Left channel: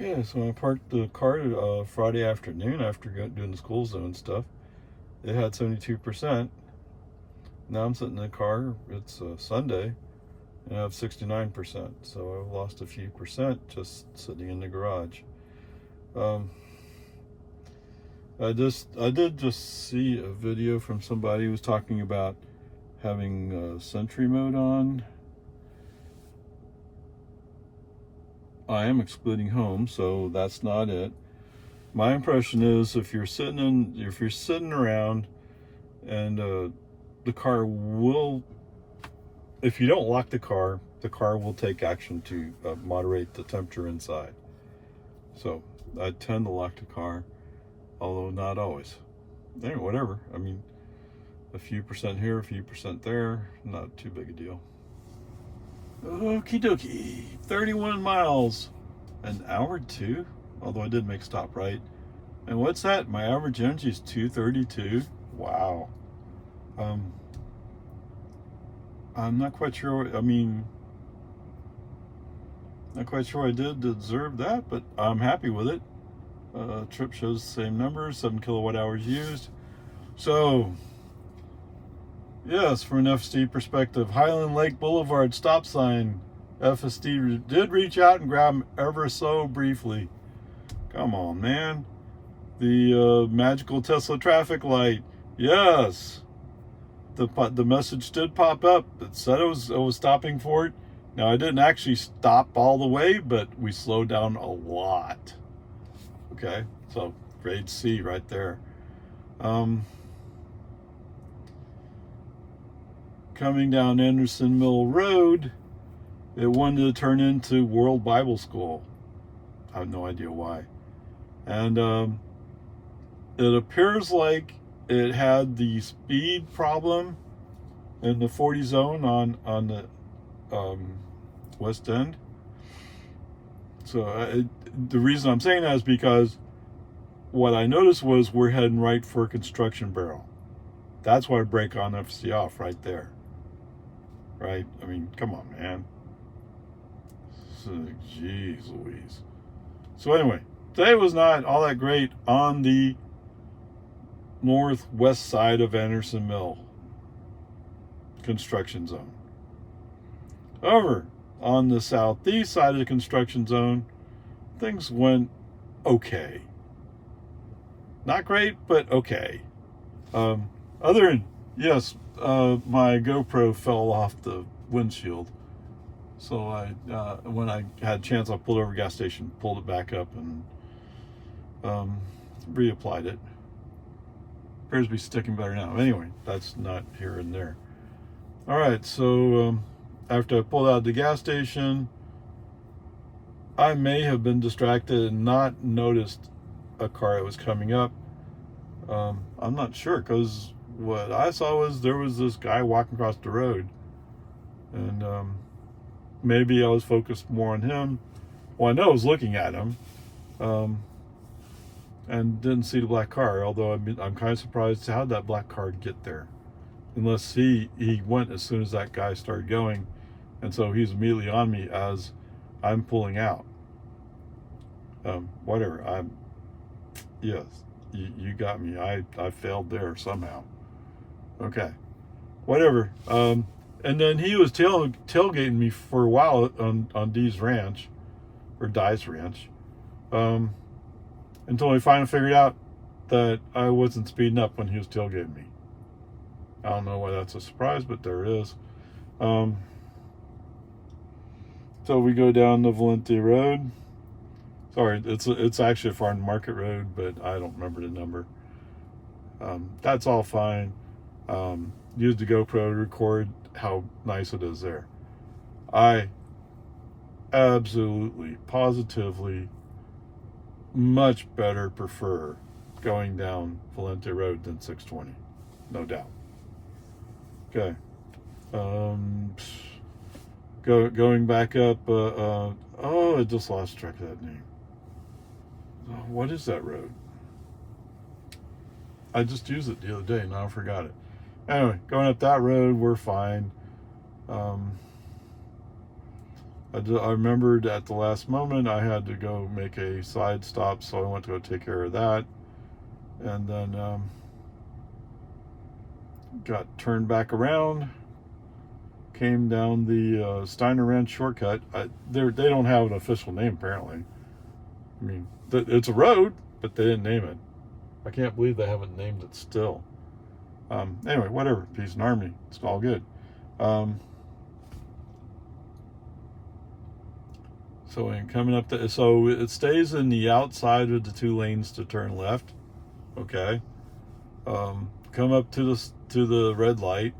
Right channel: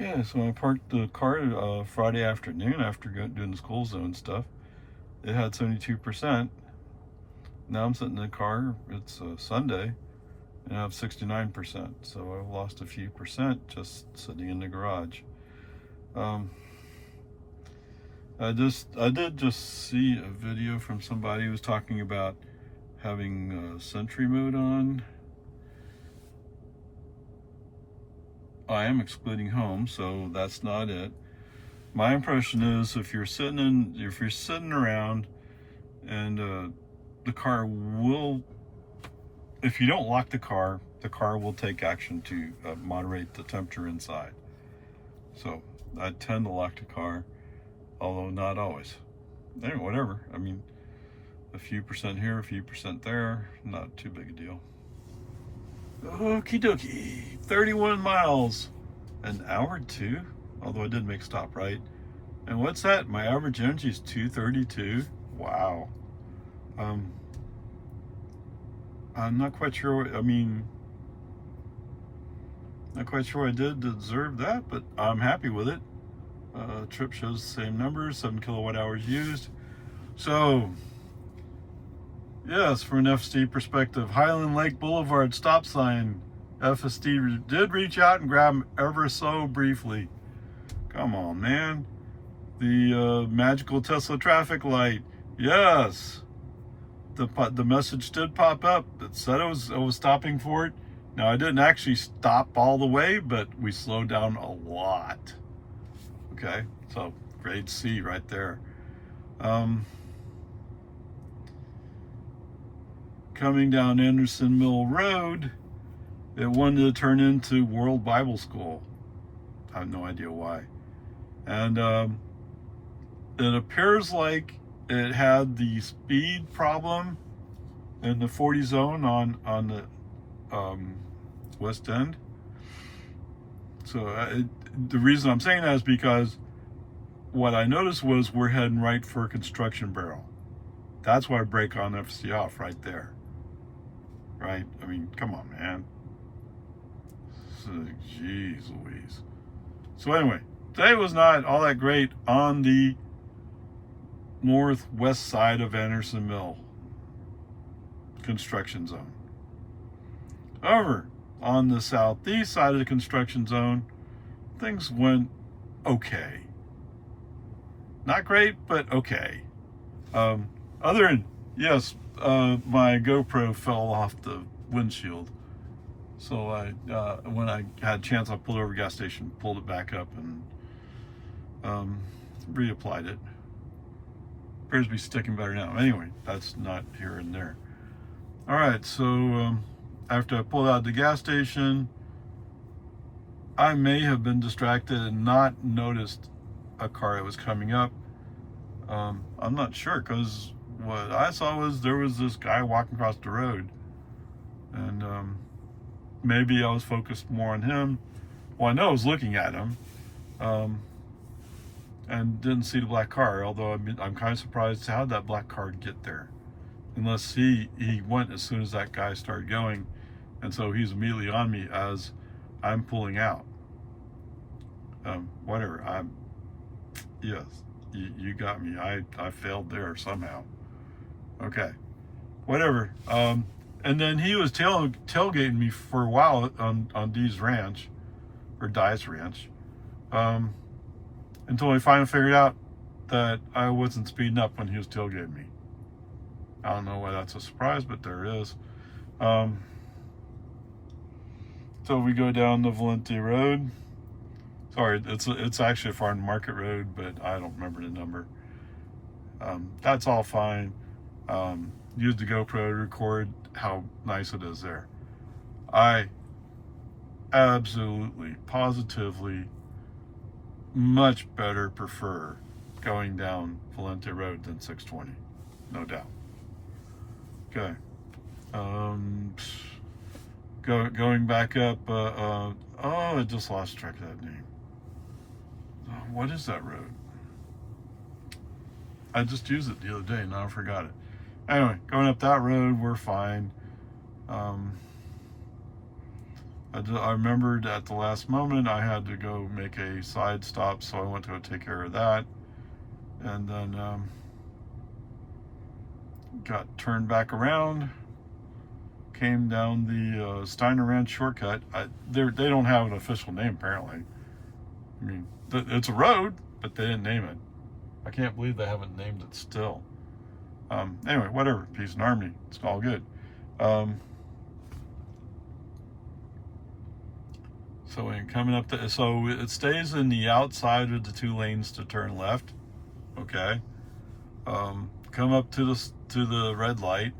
Yeah, so I parked the car Friday afternoon after doing the school zone stuff. It had 72%. Now I'm sitting in the car. It's Sunday, and I have 69%. So I've lost a few percent just sitting in the garage. Um, I did just see a video from somebody who was talking about having Sentry mode on. I am excluding home, so that's not it. My impression is if you're sitting around and the car will, if you don't lock the car will take action to moderate the temperature inside. So I tend to lock the car, although not always. Anyway, whatever. I mean, a few percent here, a few percent there, not too big a deal. Okie dokie, 31 miles, an hour two, although I did make a stop right. And what's that? My average energy is 232. Wow. I'm not quite sure. Not quite sure I did deserve that, but I'm happy with it. Trip shows the same numbers, 7 kilowatt hours used. So, yes, from an FSD perspective, Highland Lake Boulevard stop sign. FSD did reach out and grab him ever so briefly. Come on, man. The magical Tesla traffic light. Yes. The message did pop up. It said it was stopping for it. Now I didn't actually stop all the way, but we slowed down a lot. Okay, so grade C right there. Coming down Anderson Mill Road, it wanted to turn into World Bible School. I have no idea why. And it appears like it had the speed problem in the 40 zone on the west end. So the reason I'm saying that is because what I noticed was we're heading right for a construction barrel. That's why I brake on FSD off right there. Right? I mean, come on, man. Jeez Louise. So anyway, today was not all that great on the northwest side of Anderson Mill construction zone. However, on the southeast side of the construction zone, things went okay. Not great, but okay. Other than, yes, my GoPro fell off the windshield. So when I had a chance, I pulled over a gas station, pulled it back up, and reapplied it. Appears to be sticking better now. Anyway, that's not here and there. All right, so after I pulled out of the gas station, I may have been distracted and not noticed a car that was coming up. I'm not sure, because what I saw was there was this guy walking across the road, and maybe I was focused more on him. Well, I know I was looking at him, and didn't see the black car, although I'm kind of surprised how that black car get there, unless he went as soon as that guy started going, and so he's immediately on me as I'm pulling out. Whatever. Yes, you got me. I failed there somehow. Okay, whatever. And then he was tailgating me for a while on Dee's ranch, or Die's ranch, until he finally figured out that I wasn't speeding up when he was tailgating me. I don't know why that's a surprise, but there is. So we go down the Valente Road. Sorry, it's actually a farm market road, but I don't remember the number. That's all fine. Use the GoPro to record how nice it is there. I absolutely, positively, much better prefer going down Valente Road than 620, no doubt. Okay. Going back up. I just lost track of that name. What is that road? I just used it the other day, and I forgot it. Anyway, going up that road, we're fine. I remembered at the last moment I had to go make a side stop, so I went to go take care of that, and then got turned back around, came down the Steiner Ranch shortcut. They don't have an official name, apparently. I mean, it's a road, but they didn't name it. I can't believe they haven't named it still. Anyway, whatever. Peace and harmony. It's all good. So when coming up to, so it stays in the outside of the 2 lanes to turn left. Okay. Come up to the red light.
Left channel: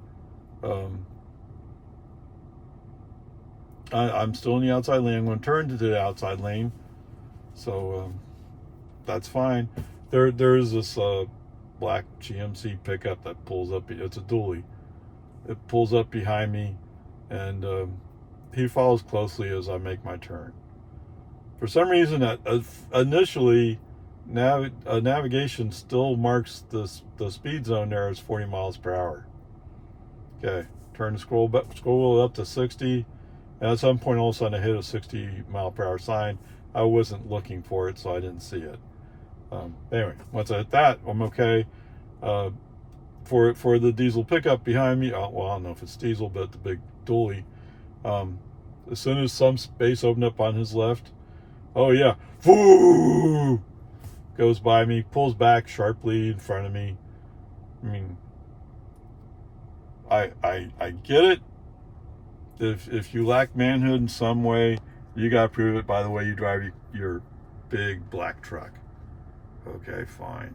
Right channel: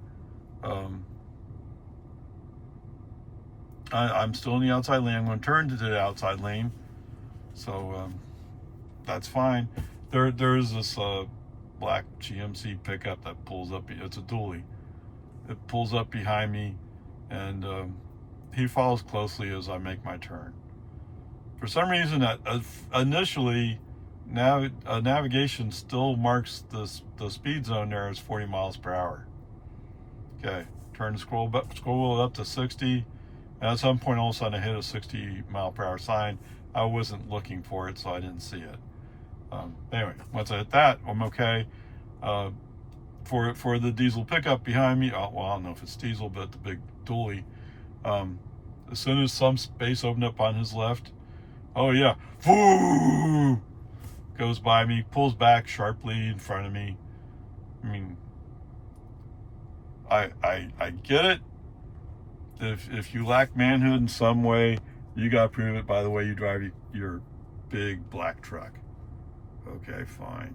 I'm still in the outside lane. I'm going to turn to the outside lane. So that's fine. There's this black GMC pickup that pulls up. It's a dually. It pulls up behind me, and he follows closely as I make my turn. For some reason, initially, navigation still marks the speed zone there as 40 miles per hour. Okay, turn the scroll wheel up to 60, and at some point, all of a sudden, I hit a 60 mile per hour sign. I wasn't looking for it, so I didn't see it. Anyway, once I hit that, I'm okay. For the diesel pickup behind me, well, I don't know if it's diesel, but the big dually. As soon as some space opened up on his left, oh yeah, woo, goes by me, pulls back sharply in front of me. I mean, I get it. If you lack manhood in some way, you gotta prove it by the way you drive your big black truck. Okay, fine.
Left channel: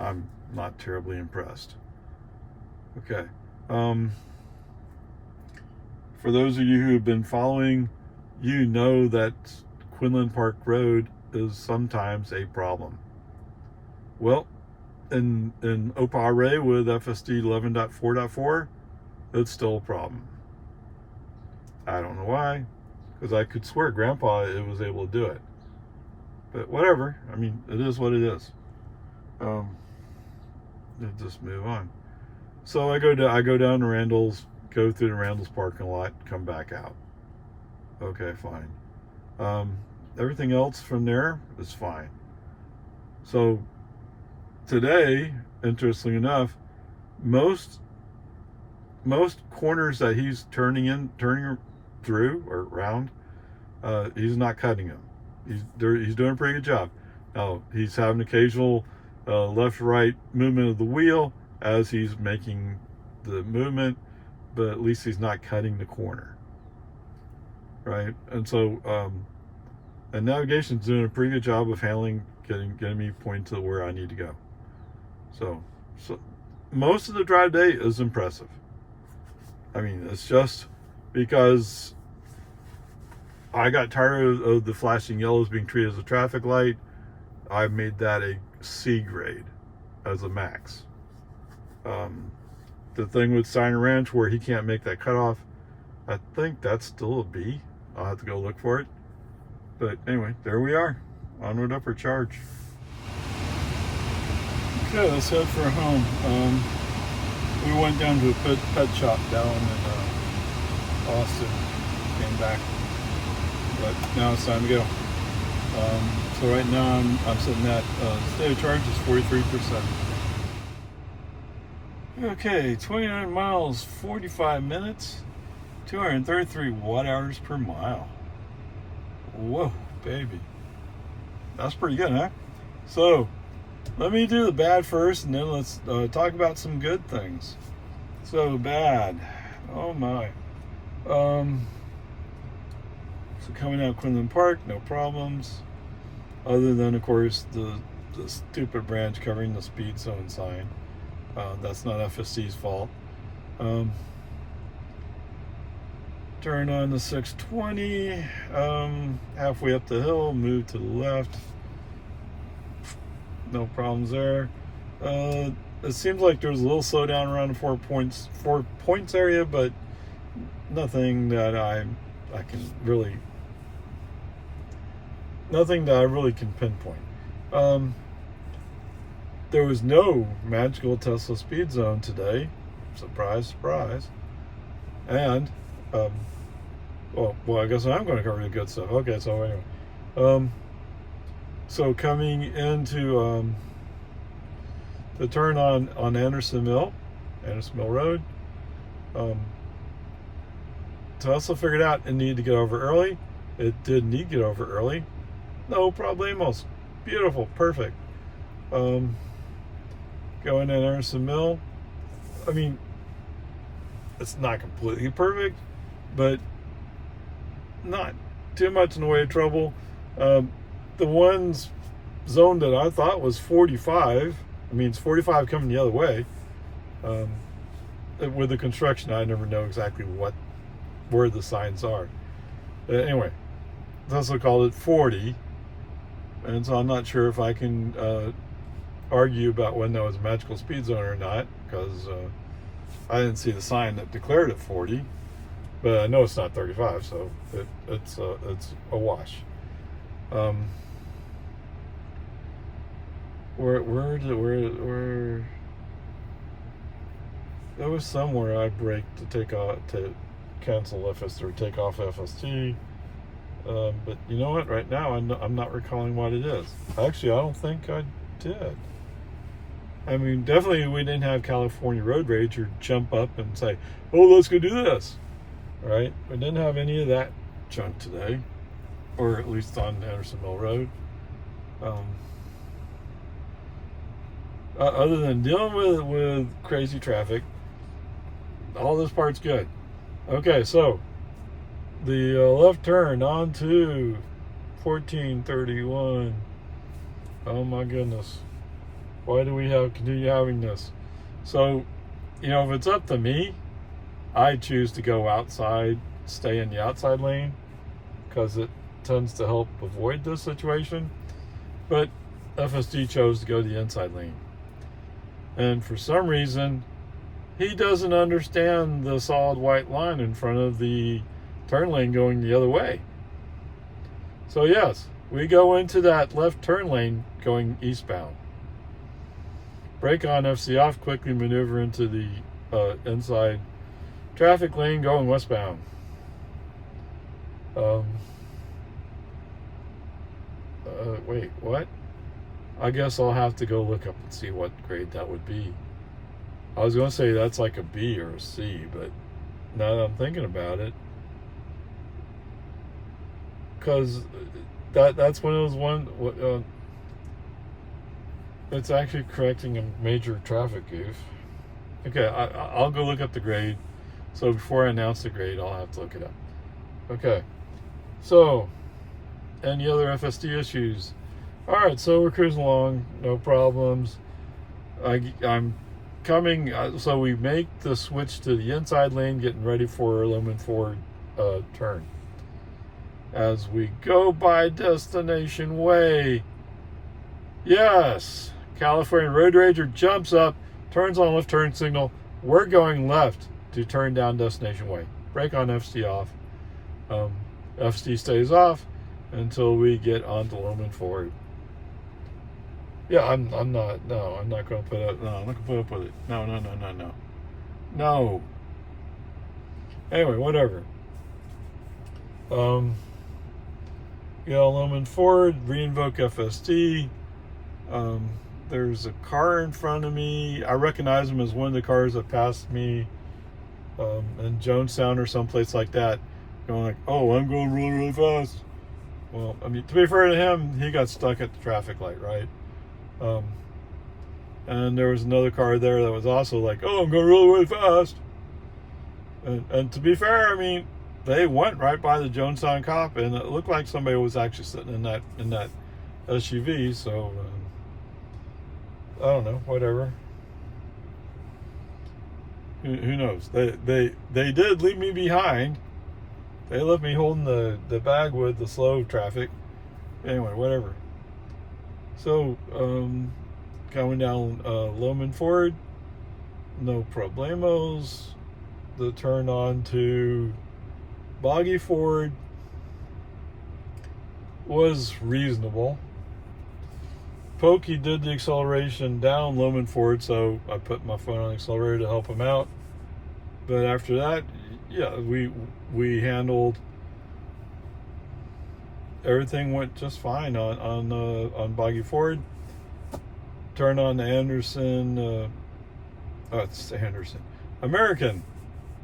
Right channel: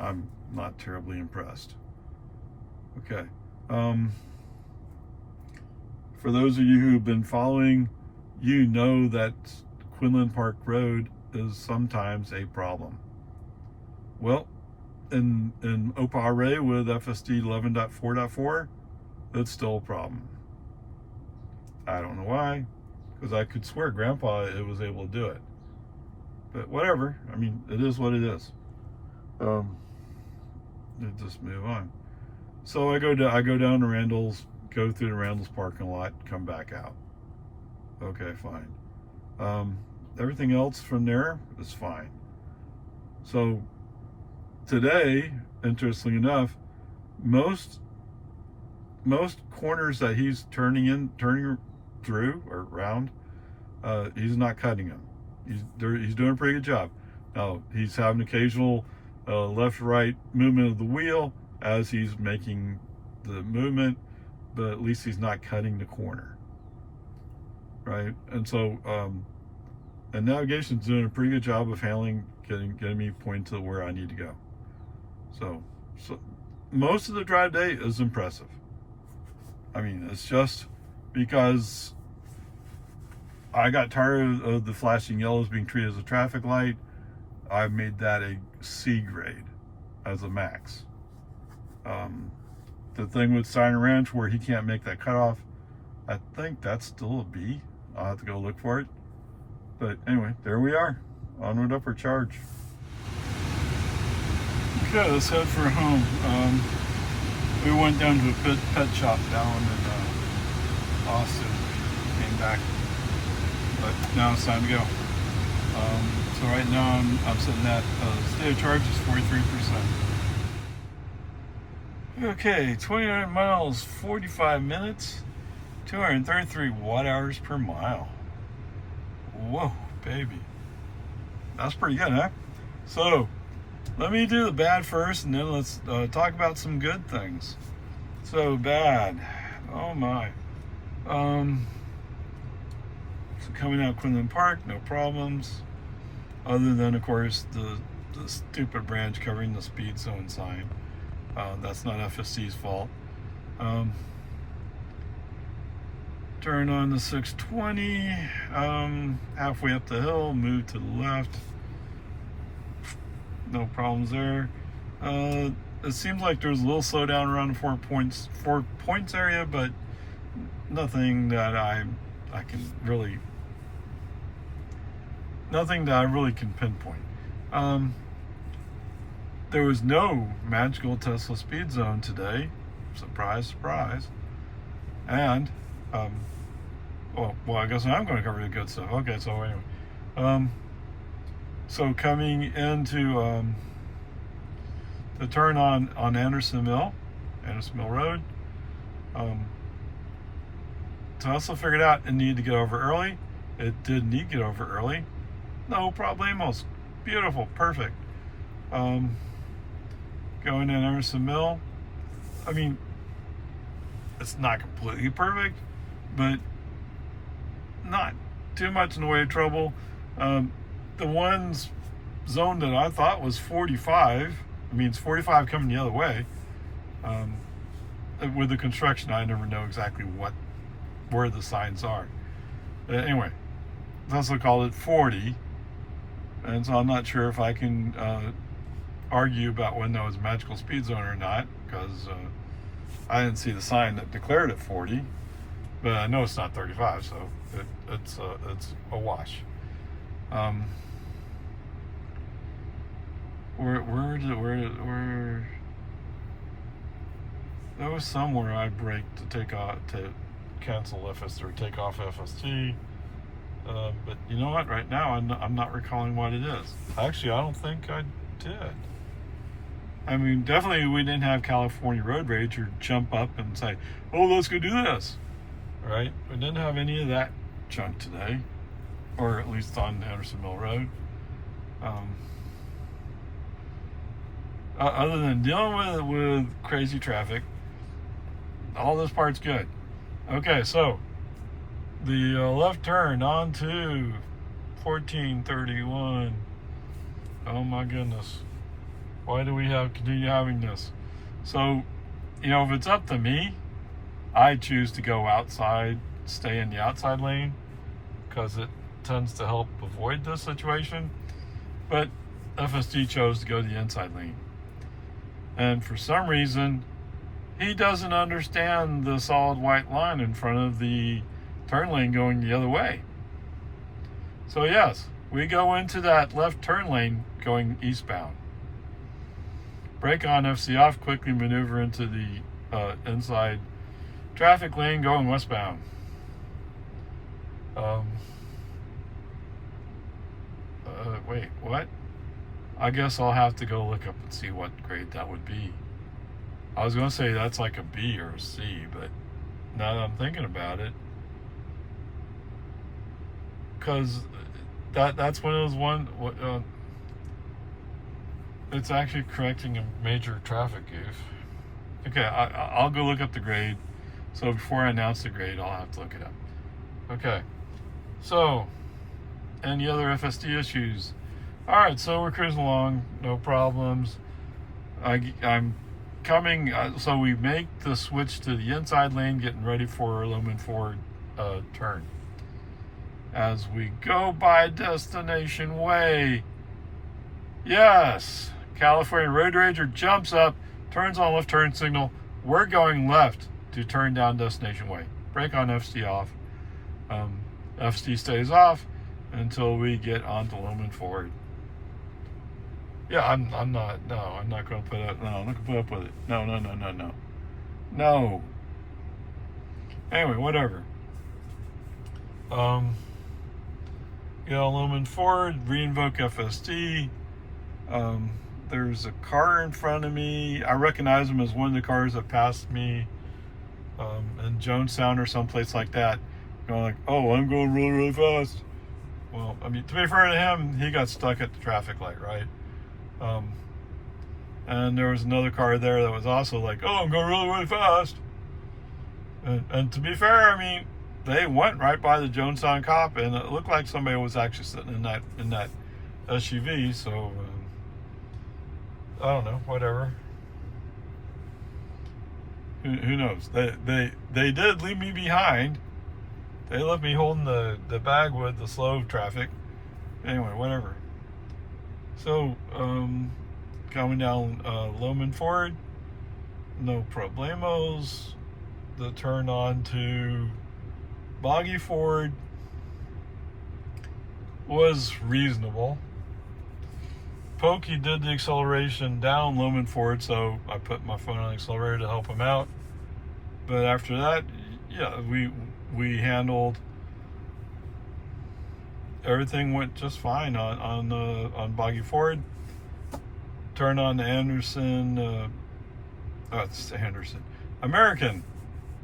I'm not terribly impressed. Okay. For those of you who have been following, you know that Quinlan Park Road is sometimes a problem. Well, in Oparay with FSD 11.4.4, it's still a problem. I don't know why, because I could swear Grandpa was able to do it. But whatever. I mean, it is what it is. Just move on. So I go down to Randall's, go through the Randall's parking lot, come back out. Okay, fine. Everything else from there is fine. So today, interestingly enough, most corners that he's turning through or around, he's not cutting them. He's doing a pretty good job. Now he's having occasional left-right movement of the wheel as he's making the movement, but at least he's not cutting the corner, right? And so, and navigation's doing a pretty good job of handling, getting me pointed to where I need to go. So most of the drive day is impressive. I mean, it's just because I got tired of the flashing yellows being treated as a traffic light. I made that a C grade as a max. The thing with Steiner Ranch where he can't make that cutoff, I think that's still a B. I'll have to go look for it. But anyway, there we are. Onward, upward charge. Okay, let's head for home. We went down to a pet shop down in Austin. Came back. But now it's time to go. So right now I'm sitting at state of charge is 43%. Okay, 29 miles, 45 minutes, 233 watt hours per mile. Whoa, baby. That's pretty good, huh? So let me do the bad first, and then let's talk about some good things. So bad. Oh my. So coming out Quinlan Park, no problems. Other than, of course, the stupid branch covering the speed zone sign. That's not FSC's fault. Turn on the 620. Halfway up the hill, move to the left. No problems there. It seems like there's a little slowdown around the 4 points area, but nothing that I really can pinpoint. There was no magical Tesla speed zone today. Surprise, surprise. And Well, I guess I'm going to cover the good stuff. Okay, so anyway. Um, so coming into the turn on Anderson Mill Road, Tesla figured out it needed to get over early. It did need to get over early. No problemos. Beautiful, perfect. Going in Anderson Mill. I mean, it's not completely perfect, but not too much in the way of trouble. The one's zone that I thought was 45. I mean, it's 45 coming the other way. With the construction, I never know exactly where the signs are. Anyway, Tesla called it 40, and so I'm not sure if I can argue about when that was a magical speed zone or not, because I didn't see the sign that declared it 40, but I know it's not 35, so it's a wash. Where there was somewhere I braked to cancel FST or take off FST, but you know what? Right now I'm not recalling what it is. Actually, I don't think I did. I mean, definitely we didn't have California road rage or jump up and say, "Oh, let's go do this." Right? We didn't have any of that junk today, or at least on Anderson Mill Road. Other than dealing with crazy traffic, all this part's good. Okay, so the left turn onto 1431. Oh my goodness, why do we continue having this? So, if it's up to me, I choose to go outside, stay in the outside lane, because it tends to help avoid this situation. But FSD chose to go to the inside lane. And for some reason, he doesn't understand the solid white line in front of the turn lane going the other way. So yes, we go into that left turn lane going eastbound. Brake on, FC off, quickly maneuver into the inside traffic lane going westbound. Wait, what? I guess I'll have to go look up and see what grade that would be. I was going to say that's like a B or a C, but now that I'm thinking about it, because that's one of those one. It's actually correcting a major traffic goof. Okay, I'll go look up the grade. So before I announce the grade, I'll have to look it up. Okay, so any other FSD issues? All right, so we're cruising along, no problems. I'm coming, so we make the switch to the inside lane, getting ready for Loman Ford turn. As we go by Destination Way, yes, California Road Rager jumps up, turns on left turn signal. We're going left to turn down Destination Way. Brake on, FC off. FC stays off until we get onto Loman Ford. Yeah, I'm not going to put up. No, I'm not going to put up with it. No. Anyway, whatever. Loman Ford, reinvoke FSD. There's a car in front of me. I recognize him as one of the cars that passed me in Jonestown or someplace like that. Going like, oh, I'm going really, really fast. Well, I mean, to be fair to him, he got stuck at the traffic light, right? And there was another car there that was also like, oh, I'm going really, really fast. And to be fair, I mean, they went right by the Jonestown cop, and it looked like somebody was actually sitting in that SUV. So I don't know, whatever. Who knows? They did leave me behind. They left me holding the bag with the slow traffic. Anyway, whatever. So, coming down Loman Ford, no problemos. The turn on to Boggy Ford was reasonable. Pokey did the acceleration down Loman Ford, so I put my foot on the accelerator to help him out. But after that, yeah, we handled everything went just fine on Boggy Ford. Turn on the Anderson. It's the Anderson American.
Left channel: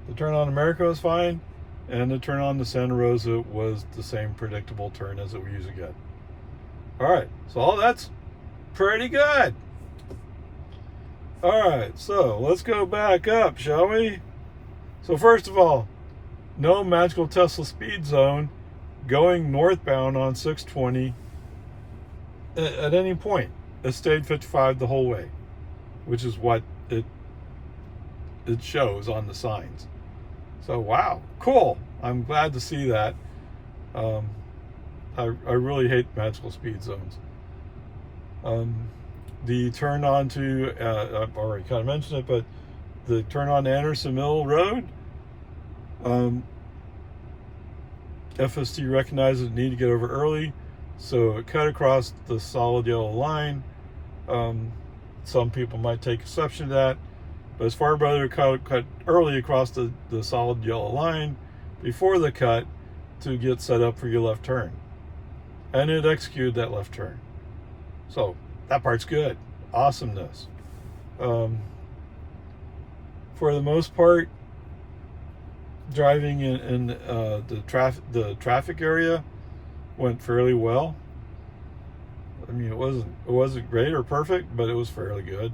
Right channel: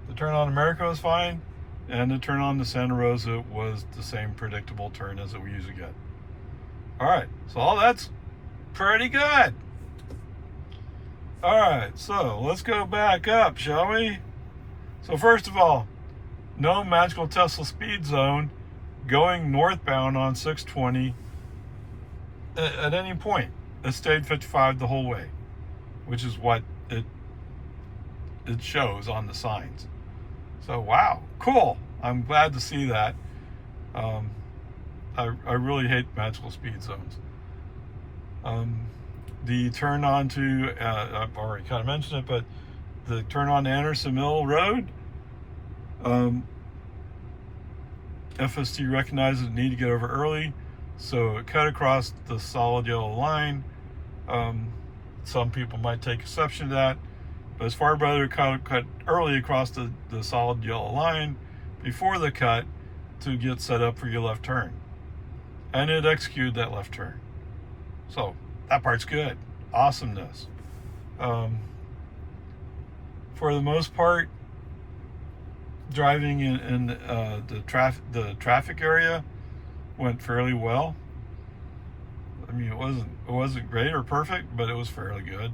The turn on America was fine, and the turn on the Santa Rosa was the same predictable turn as we usually get. All right, so all that's pretty good. All right, so let's go back up, shall we? So first of all, no magical Tesla speed zone going northbound on 620 at any point. It stayed 55 the whole way, which is what it shows on the signs. So wow, cool. I'm glad to see that. I really hate magical speed zones. The turn on to, I've already kind of mentioned it, but the turn on to Anderson Mill Road, FST recognized the need to get over early, so it cut across the solid yellow line. Some people might take exception to that, but it's far better to cut early across the solid yellow line before the cut to get set up for your left turn. And it executed that left turn. So that part's good. Awesomeness. For the most part, driving in the traffic area went fairly well. I mean, it wasn't great or perfect, but it was fairly good.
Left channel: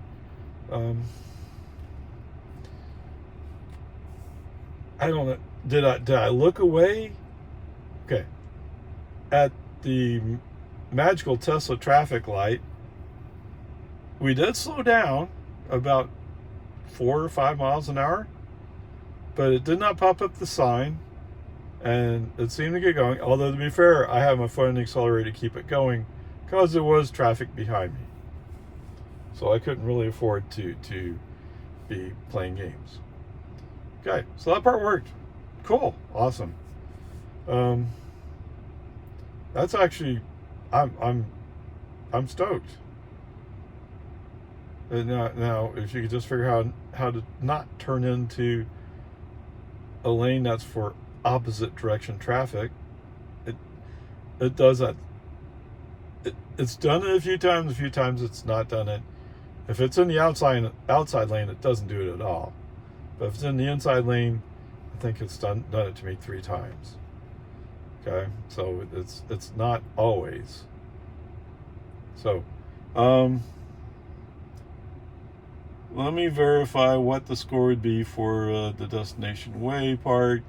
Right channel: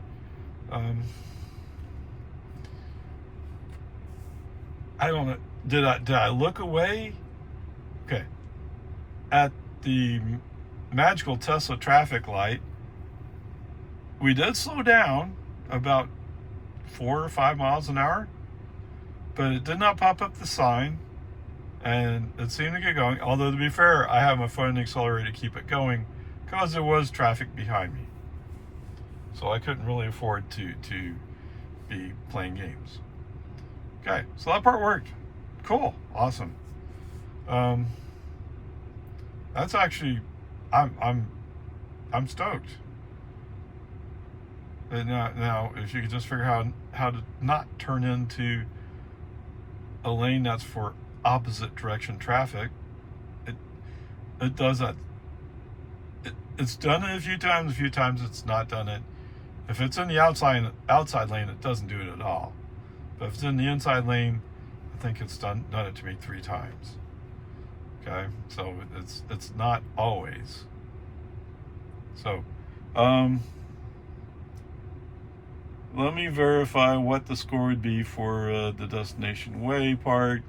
I don't know. Did I look away? Okay. At the magical Tesla traffic light, we did slow down about 4 or 5 miles an hour, but it did not pop up the sign, and it seemed to get going. Although, to be fair, I have my foot on the accelerator to keep it going because there was traffic behind me, so I couldn't really afford to be playing games. Okay, so that part worked. Cool, awesome. That's actually, I'm stoked. And now, if you could just figure out how to not turn into a lane that's for opposite direction traffic, it does that. It's done it a few times it's not done it. If it's in the outside lane, it doesn't do it at all. But if it's in the inside lane, I think it's done it to me 3 times. Okay, so it's not always. So, let me verify what the score would be for the Destination Way part.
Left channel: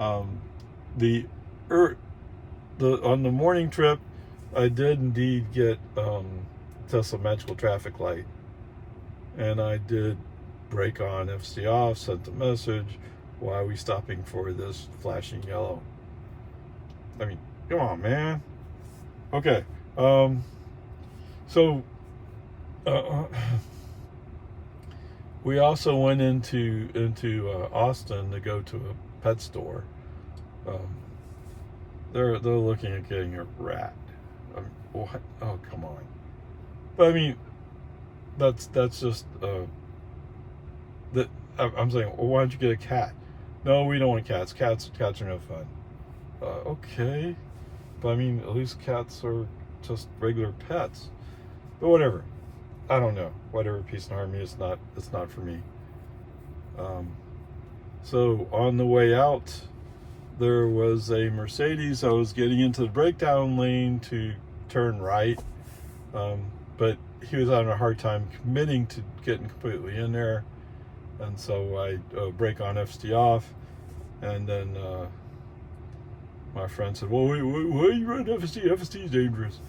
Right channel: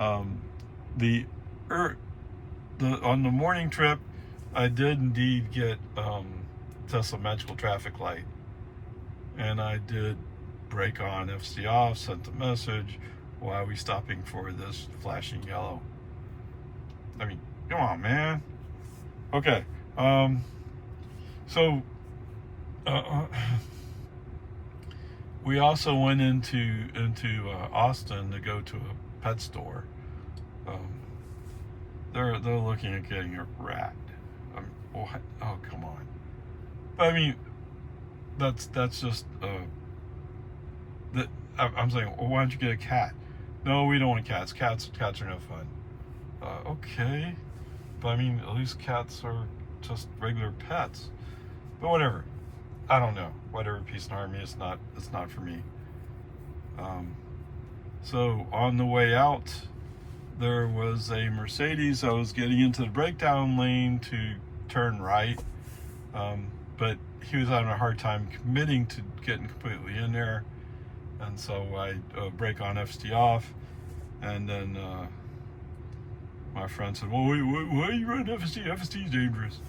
On the morning trip, I did indeed get Tesla Magical Traffic Light, and I did brake on, FSD off, sent the message, why are we stopping for this flashing yellow? I mean, come on, man. Okay, so we also went into Austin to go to a pet store. They're looking at getting a rat. What? Oh, come on. But I mean, that's just that. I'm saying, well, why don't you get a cat? No, we don't want cats. Cats are no fun. Okay, but I mean, at least cats are just regular pets. But whatever. I don't know. Whatever, peace and harmony. It's not for me. So on the way out, there was a Mercedes. I was getting into the breakdown lane to turn right, but he was having a hard time committing to getting completely in there, and so I brake on, FSD off, and then my friend said, well, why are you running FSD? FSD is dangerous.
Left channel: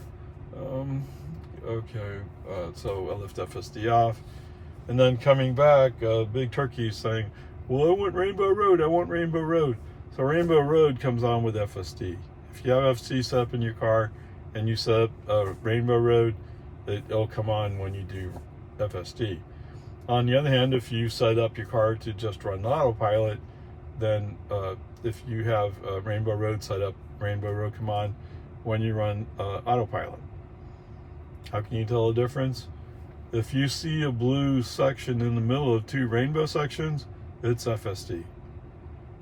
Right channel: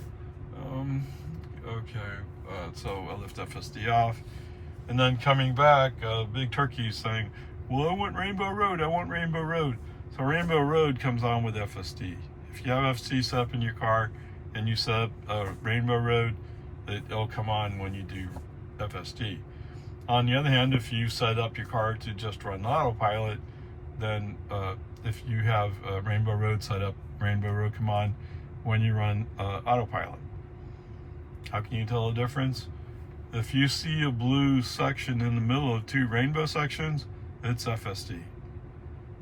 Okay, so I left FSD off, and then coming back, Big Turkey saying, well, I want Rainbow Road, I want Rainbow Road. So Rainbow Road comes on with FSD. If you have FSD set up in your car and you set up Rainbow Road, it'll come on when you do FSD. On the other hand, if you set up your car to just run autopilot, then if you have Rainbow Road set up, Rainbow Road come on when you run autopilot. How can you tell the difference? If you see a blue section in the middle of 2 rainbow sections, it's FSD.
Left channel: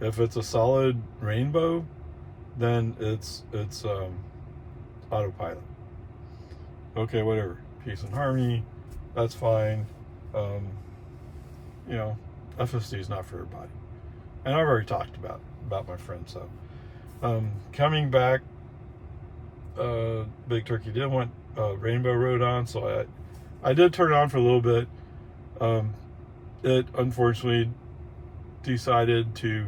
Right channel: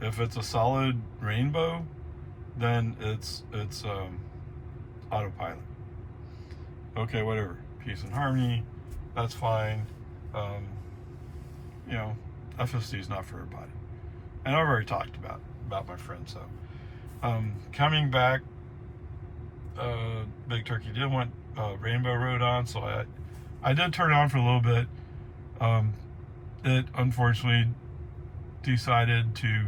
If it's a solid rainbow, then it's autopilot. Okay, whatever. Peace and harmony, that's fine. You know, FSD is not for everybody. And I've already talked about my friends, so. Coming back, Big Turkey did want Rainbow Road on, so I did turn it on for a little bit. It unfortunately decided to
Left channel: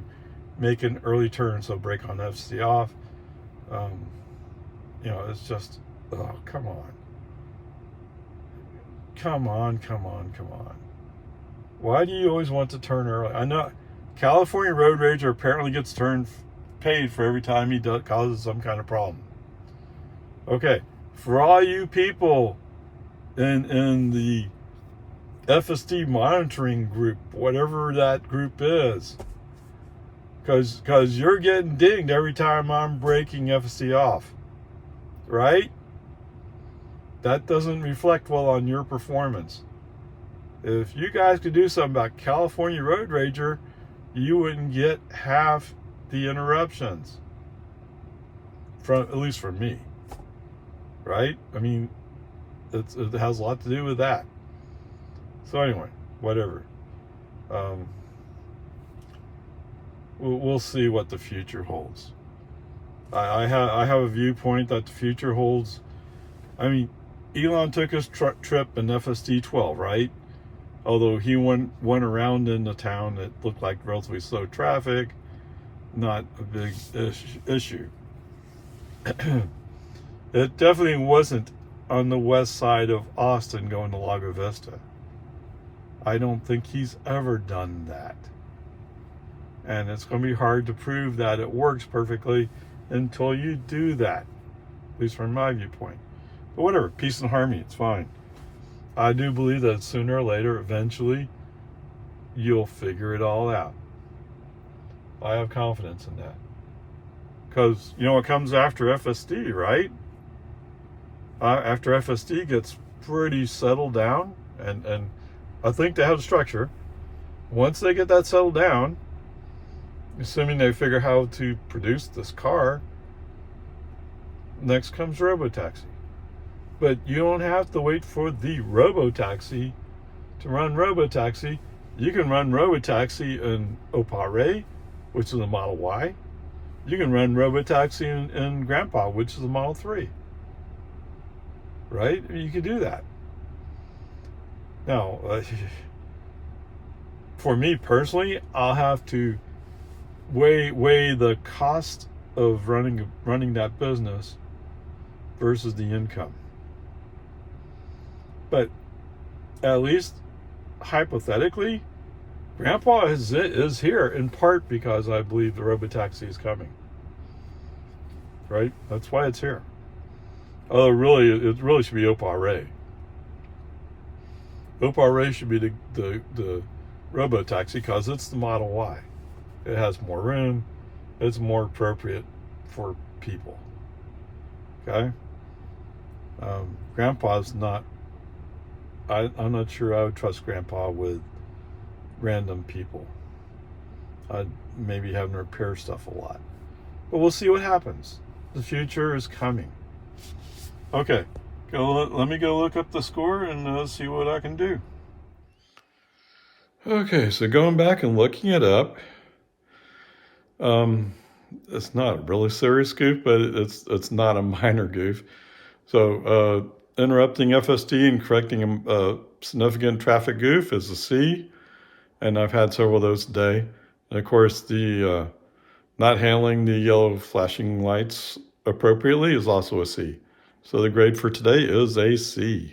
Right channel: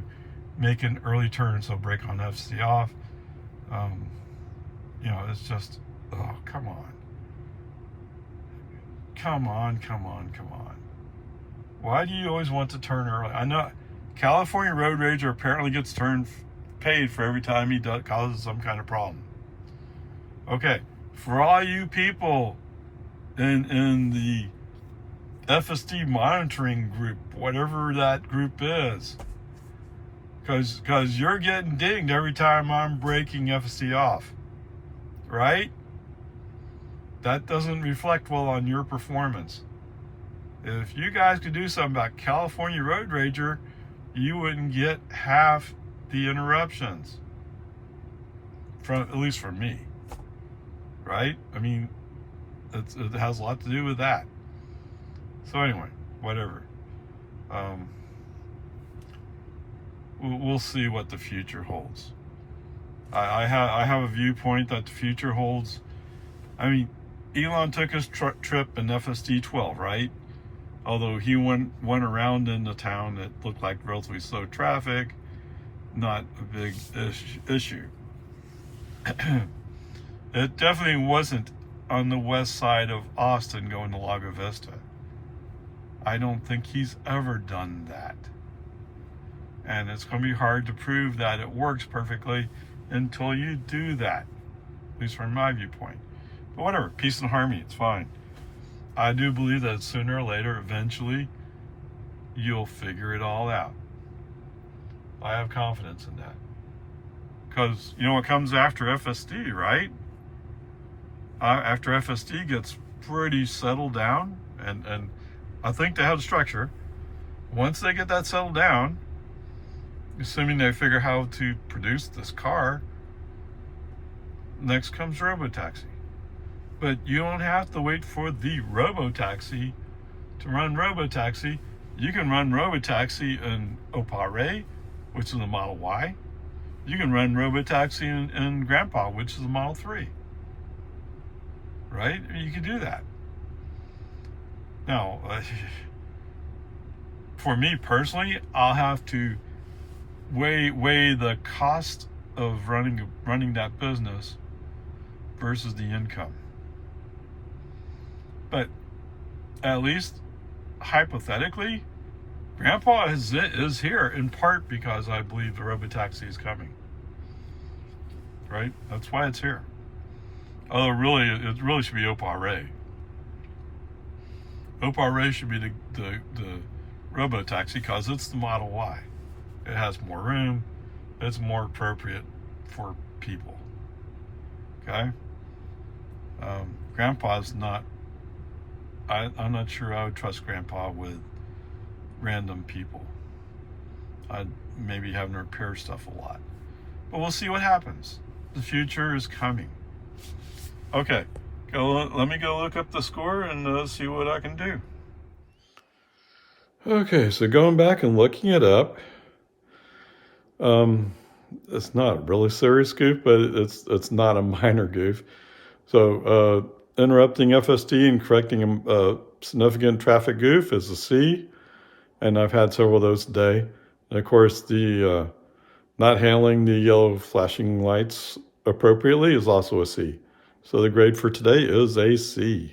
make an early turn, so brake on FSD off. You know, it's just, oh, come on. Come on. Why do you always want to turn early? I know California Road Rager apparently gets paid for every time he causes some kind of problem. Okay, for all you people in the FSD monitoring group, whatever that group is, because you're getting dinged every time I'm breaking FSD off, right? That doesn't reflect well on your performance. If you guys could do something about California Road Rager, you wouldn't get half the interruptions, at least from me, right? I mean, it has a lot to do with that. So anyway, whatever. We'll see what the future holds. I have a viewpoint that the future holds. I mean, Elon took his trip in FSD 12, right? Although he went around in the town that looked like relatively slow traffic, not a big issue. It definitely wasn't on the west side of Austin going to Lago Vista. I don't think he's ever done that. And it's going to be hard to prove that it works perfectly until you do that, at least from my viewpoint. But whatever, peace and harmony, it's fine. I do believe that sooner or later, eventually, you'll figure it all out. I have confidence in that. Because, you know, what comes after FSD, right? After FSD gets pretty settled down, and I think they have structure. Once they get that settled down, assuming they figure how to produce this car, next comes robotaxi. But you don't have to wait for the robotaxi to run robotaxi. You can run robotaxi in Oparay, which is a Model Y. You can run robotaxi in Grandpa, which is a Model 3. Right? You can do that. Now, for me personally, I'll have to weigh the cost of running that business versus the income. But at least hypothetically, Grandpa is here in part because I believe the robotaxi is coming. Right? That's why it's here. Oh, really? It really should be Oparay. Oparay should be the robotaxi because it's the Model Y. It has more room. It's more appropriate for people. Okay? Grandpa's not. I'm not sure I would trust Grandpa with random people. I'd maybe have him repair stuff a lot. But we'll see what happens. The future is coming. Okay, let me go look up the score and see what I can do. Okay, so going back and looking it up, it's not a really serious goof, but it's not a minor goof. So interrupting FSD and correcting a significant traffic goof is a C, and I've had several of those today. And of course, the not handling the yellow flashing lights appropriately is also a C. So the grade for today is a C.